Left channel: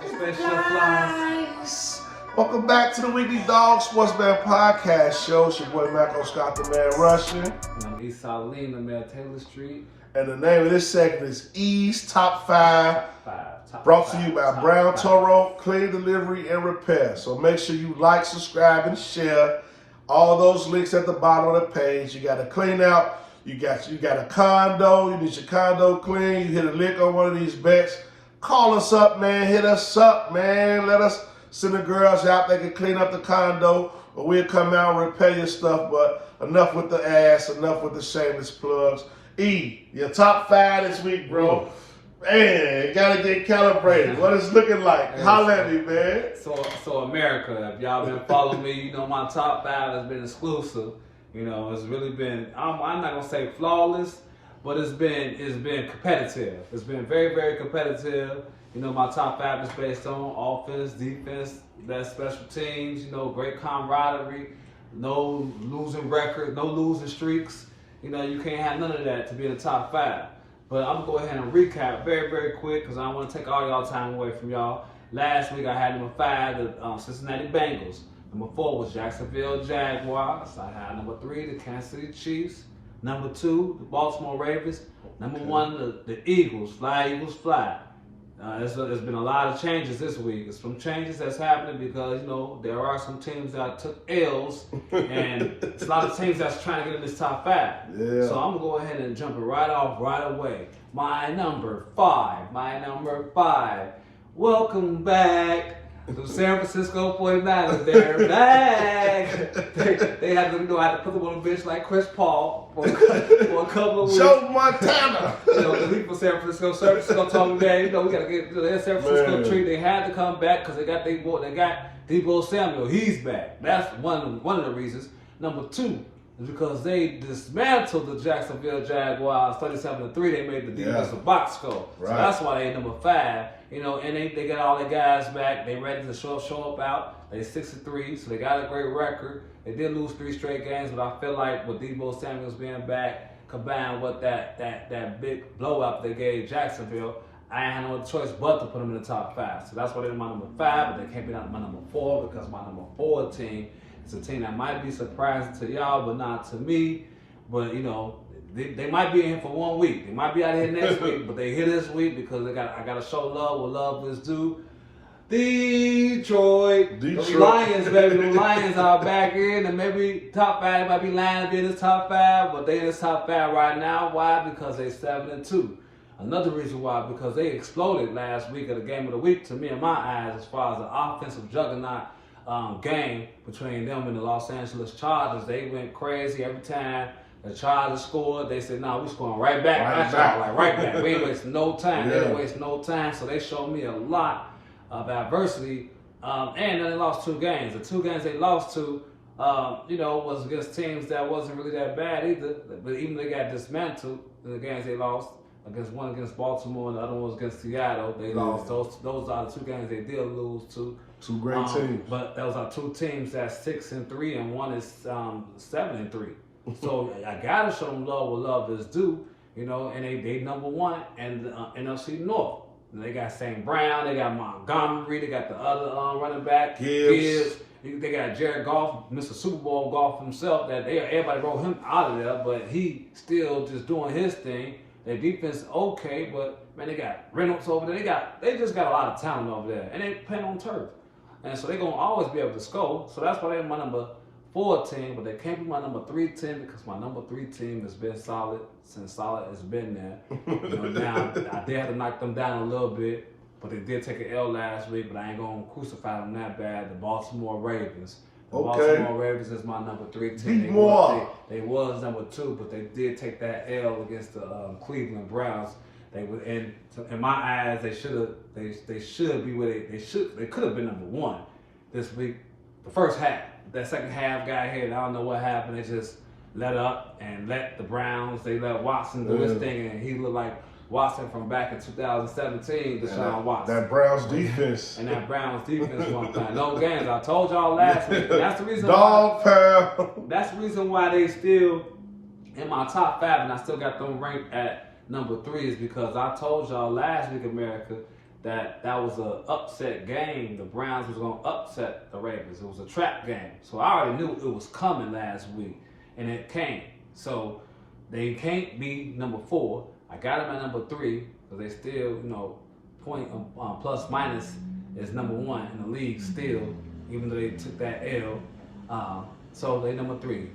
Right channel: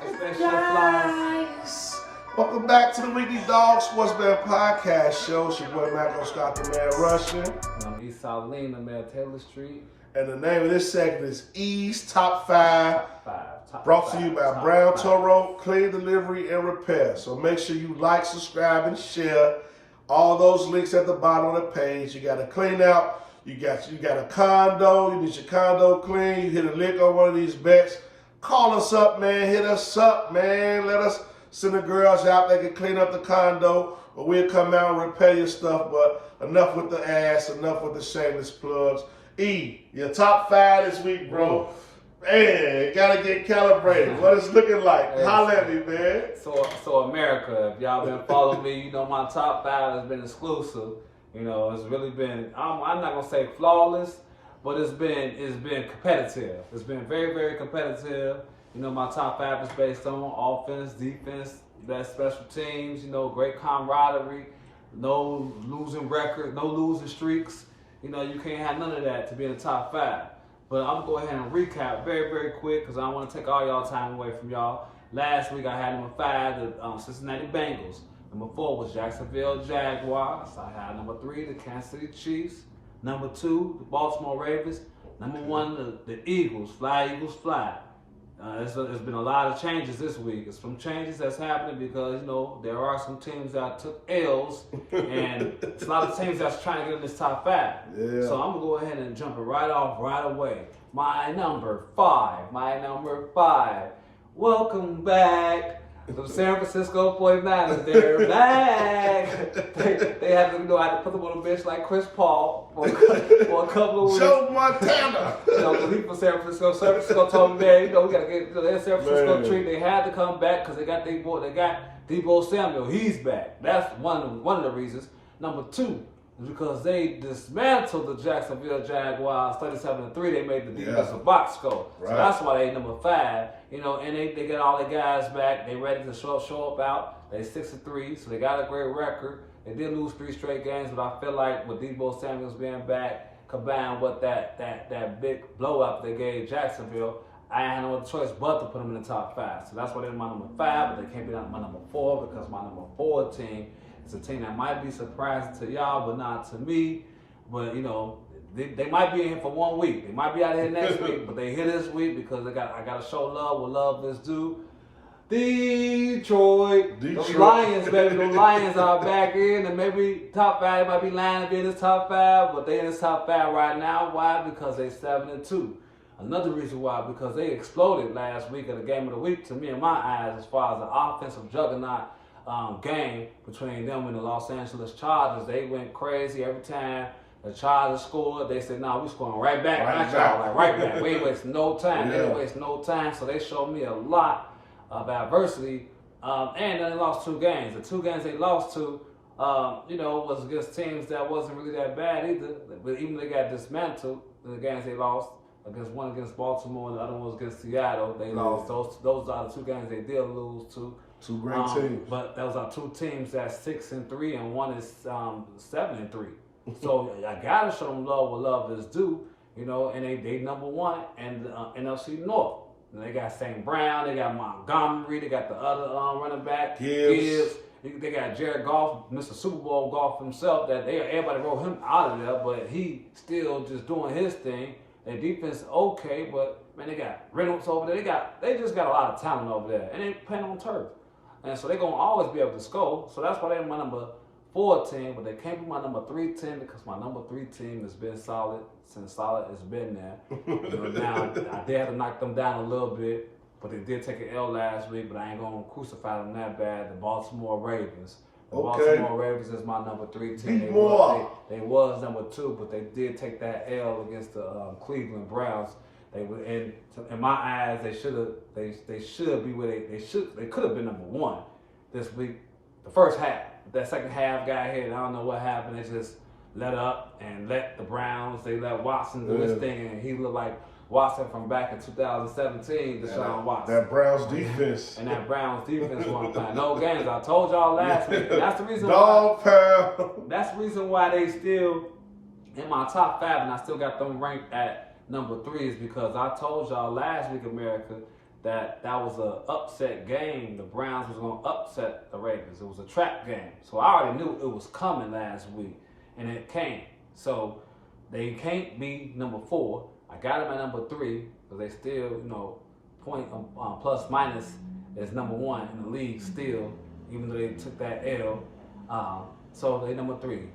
Flies. Welcome back to the Weekly Dog Sports Man Podcast Show. It's your boy Marco Scott, the man Russian. And I'm East Saline, the man Taylor Street. And the name of this segment is East Top 5. Brought to you by Brown Toro, Clean Delivery and Repair. So make sure you like, subscribe, and share. All those links at the bottom of the page. You got to clean out. You got a condo. You need your condo clean. You hit a lick on one of these bets. Call us up, man. Hit us up, man. Let us send the girls out. They can clean up the condo, or we'll come out and repair your stuff. But enough with the ass. Enough with the shameless plugs. E, your top 5 this week, bro. Man, you gotta get calibrated. What it's looking like? Holla at me, man. So America, if y'all been following me, you know my top 5 has been exclusive. You know, it's really been, I'm not gonna say flawless, but it's been competitive. It's been very, very competitive. You know, my top 5 is based on offense, defense, that special teams, you know, great camaraderie, no losing record, no losing streaks. You know, you can't have none of that to be in the top 5. But I'm going to go ahead and recap very, very quick because I don't want to take all y'all time away from y'all. Last week I had number 5, the Cincinnati Bengals. Number 4 was Jacksonville Jaguars. I had number 3, the Kansas City Chiefs. Number 2, the Baltimore Ravens. Number 1, the Eagles. Fly, Eagles, fly. There's been a lot of changes this week. There's some changes that's happening because, you know, there are some teams that took L's, and it's a lot of teams that's trying to get in this top 5. Yeah. So I'm going to go ahead and jump it right off right away. My number 5. Welcome back. The San Francisco 49ers, they're back. They had to, you know, I had to put them on a bench like Chris Paul for a couple of weeks. Joe Montana. You know, because he's from San Francisco. San Francisco told me, man, you know, we got to get, you know, that San Francisco treat. They had to come back because they got Deebo Samuel. He's back. That's one of the reasons. Number 2 is because they dismantled the Jacksonville Jaguars 37-3. They made the defensive box score. Right. So that's why they number 5. You know, and they got all their guys back. They ready to show up out. They 6-3, so they got a great record. They did lose 3 straight games, but I feel like with Deebo Samuels being back, combined with that big blowout they gave Jacksonville, I had no choice but to put them in the top 5. So that's why they're my number 5, but they can't be my number 4 because my number 4 team is a team that might be surprising to y'all, but not to me. But, you know, they might be in for 1 week. They might be out here next week, but they here this week because I got to show love where love is due. Detroit. The Lions, baby. The Lions are back in, and maybe top 5 might be lying in this top 5, but they in this top 5 right now. Why? Because they 7-2. Another reason why, because they exploded last week at the game of the week, to me in my eyes, as far as the offensive juggernaut game between them and the Los Angeles Chargers. They went crazy every time the Chargers scored. They said, "No, we scoring right back. Right back. We ain't wasting no time. They didn't waste no time." So they showed me a lot of adversity. And then they lost 2 games. The 2 games they lost to, you know, was against teams that wasn't really that bad either. But even they got dismantled. The games they lost one against Baltimore and the other one was against Seattle. They lost. Those are the 2 games they did lose to. 2 great teams. But those are 2 teams that's 6-3 and one is 7-3. So I gotta show them love where love is due, you know. And they number 1 and NFC North. And they got St. Brown, they got Montgomery, they got the other running back Gibbs. They got Jared Goff, Mr. Super Bowl Goff himself. That everybody wrote him out of there, but he still just doing his thing. Their defense is okay, but man, they got Reynolds over there. They just got a lot of talent over there, and they playing on turf. And so they're going to always be able to score. So that's why they're my number 4 team, but they can't be my number 3 team because my number 3 team has been solid since solid has been there. You know, now, I did have to knock them down a little bit, but they did take an L last week, but I ain't going to crucify them that bad. The Baltimore Ravens. The Baltimore Ravens is my number 3 team. They was number 2, but they did take that L against the Cleveland Browns. They were in my eyes. They should be where they could have been number 1 this week. The first half, that second half got hit. I don't know what happened. They just let up and let the Browns. They let Watson do his thing, and he looked like Watson from back in 2017. Deshaun Watson. That Browns defense. And that Browns defense wasn't playing no games. I told y'all last week. That's the reason. That's the reason why they still in my top 5, and I still got them ranked at number 3 is because I told y'all last week, America, that was an upset game. The Browns was going to upset the Ravens. It was a trap game. So I already knew it was coming last week, and it came. So they can't be number 4. I got them at number 3 because they still, point plus minus is number 1 in the league still, even though they took that L. So they number 3,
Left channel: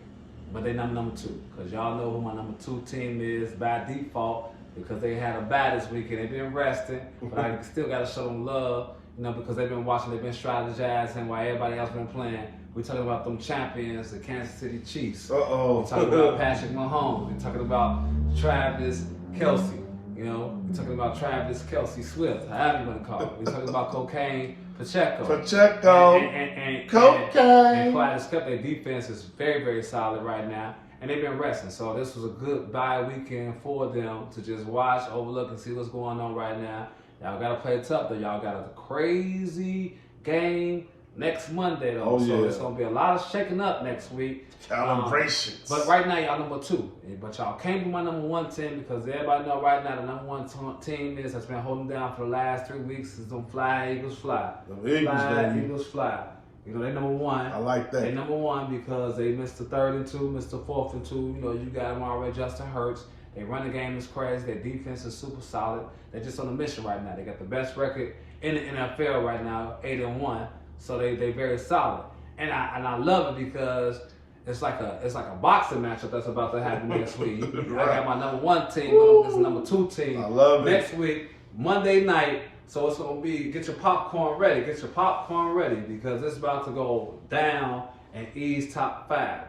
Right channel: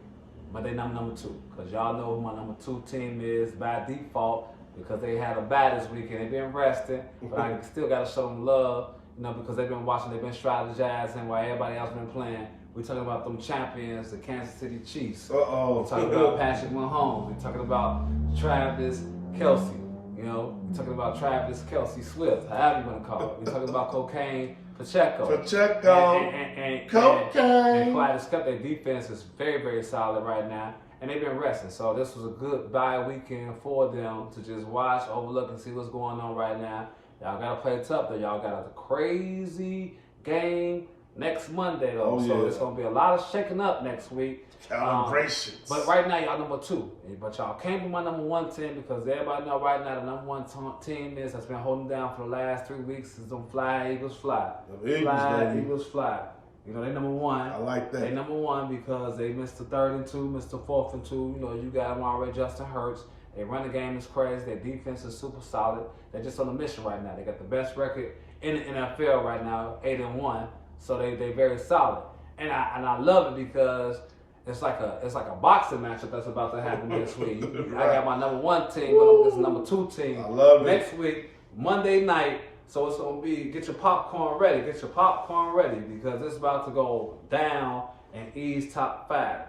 but they number 2 because y'all know who my number 2 team is by default because they had a bye this week and they've been resting. But I still got to show them love, because they've been watching, they've been strategizing while everybody else been playing. We're talking about them champions, the Kansas City Chiefs. We're talking about Patrick Mahomes. We're talking about Travis Kelce. We're talking about Travis Kelce Swift, however you want to call it. We're talking about Cocaine Pacheco. And Cocaine. And Clyde Scott, their defense is very, very solid right now. And they've been resting. So this was a good bye weekend for them to just watch, overlook, and see what's going on right now. Y'all got to play tough, though. Y'all got a crazy game next Monday, though. So it's going to be a lot of shaking up next week. Calibrations. But right now, y'all number 2. But y'all can't be my number 1 team because everybody know right now the number 1 team that's been holding down for the last 3 weeks is them Fly Eagles Fly. Eagles Fly. They number 1. I like that. They number 1 because they missed the 3rd and 2, missed the 4th and 2. You got them already. Justin Hurts. They run the game is crazy. Their defense is super solid. They're just on a mission right now. They got the best record in the NFL right now, 8-1. So they very solid. And I love it because it's like a boxing matchup that's about to happen this week. I got my number 1 team going up against number 2 team. I love it. Next week, Monday night. So it's going to be, get your popcorn ready. Get your popcorn ready because it's about to go down and ease top 5.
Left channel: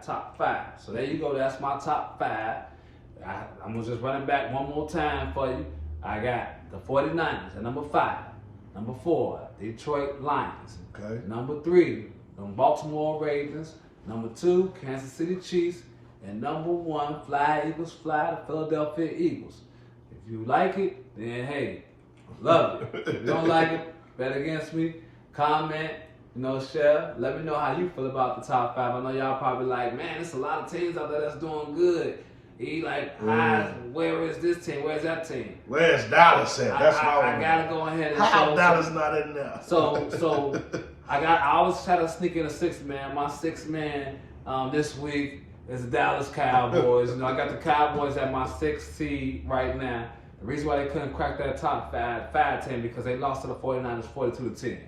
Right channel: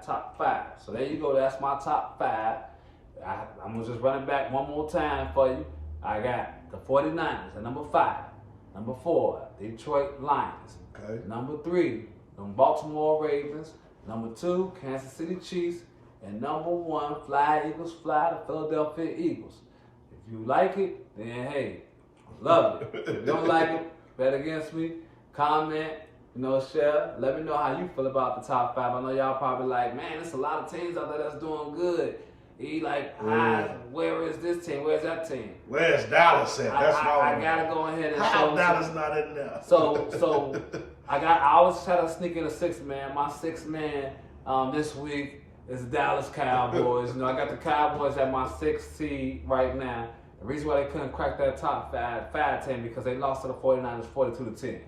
So there you go. That's my top 5. I'm going to just run it back one more time for you. I got the 49ers at number 5. Number 4, Detroit Lions. Okay. Number 3, the Baltimore Ravens. Number 2, Kansas City Chiefs. And number 1, Fly Eagles Fly, the Philadelphia Eagles. If you like it, then hey, love it. If you don't like it, bet against me, comment, share. Let me know how you feel about the top 5. I know y'all probably like, man, there's a lot of teams out there that's doing good. Where is this team? Where's that team? Where's Dallas at? That's I gotta go ahead and how show. Dallas not in there? So I always try to sneak in a 6th man. My 6th man this week is the Dallas Cowboys. I got the Cowboys at my 6th seed right now. The reason why they couldn't crack that top 5 team because they lost to the 49ers 42-10.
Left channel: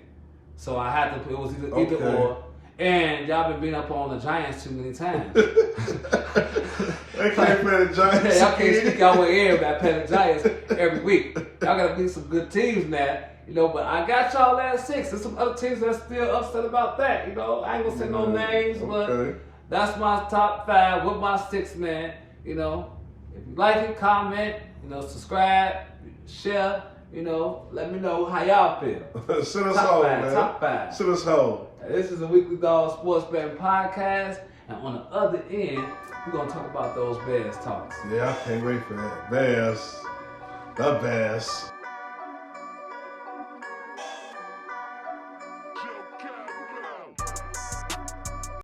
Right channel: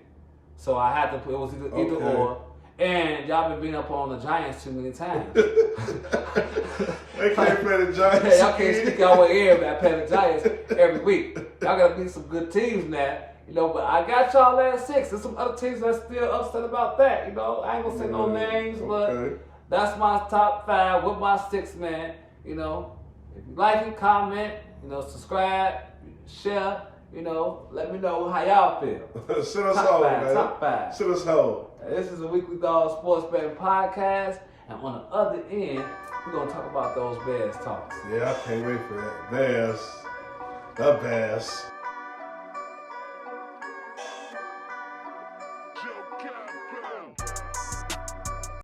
So I had to. It was either or. And y'all been beating up on the Giants too many times. They can't play the Giants. Hey, y'all can't sneak our way in by playing the Giants every week. Y'all gotta beat some good teams now. But I got y'all at 6. There's some other teams that's still upset about that. I ain't gonna say no names, but that's my top 5 with my 6th man. If you like it, comment, subscribe, share. Let me know how y'all feel. Send us home, man. Top 5. Send us home. This is a Weekly Dog Sports Betting Podcast, and on the other end, we're gonna talk about those Bears talks. Yeah, I can't wait for that. Bears, the Bears.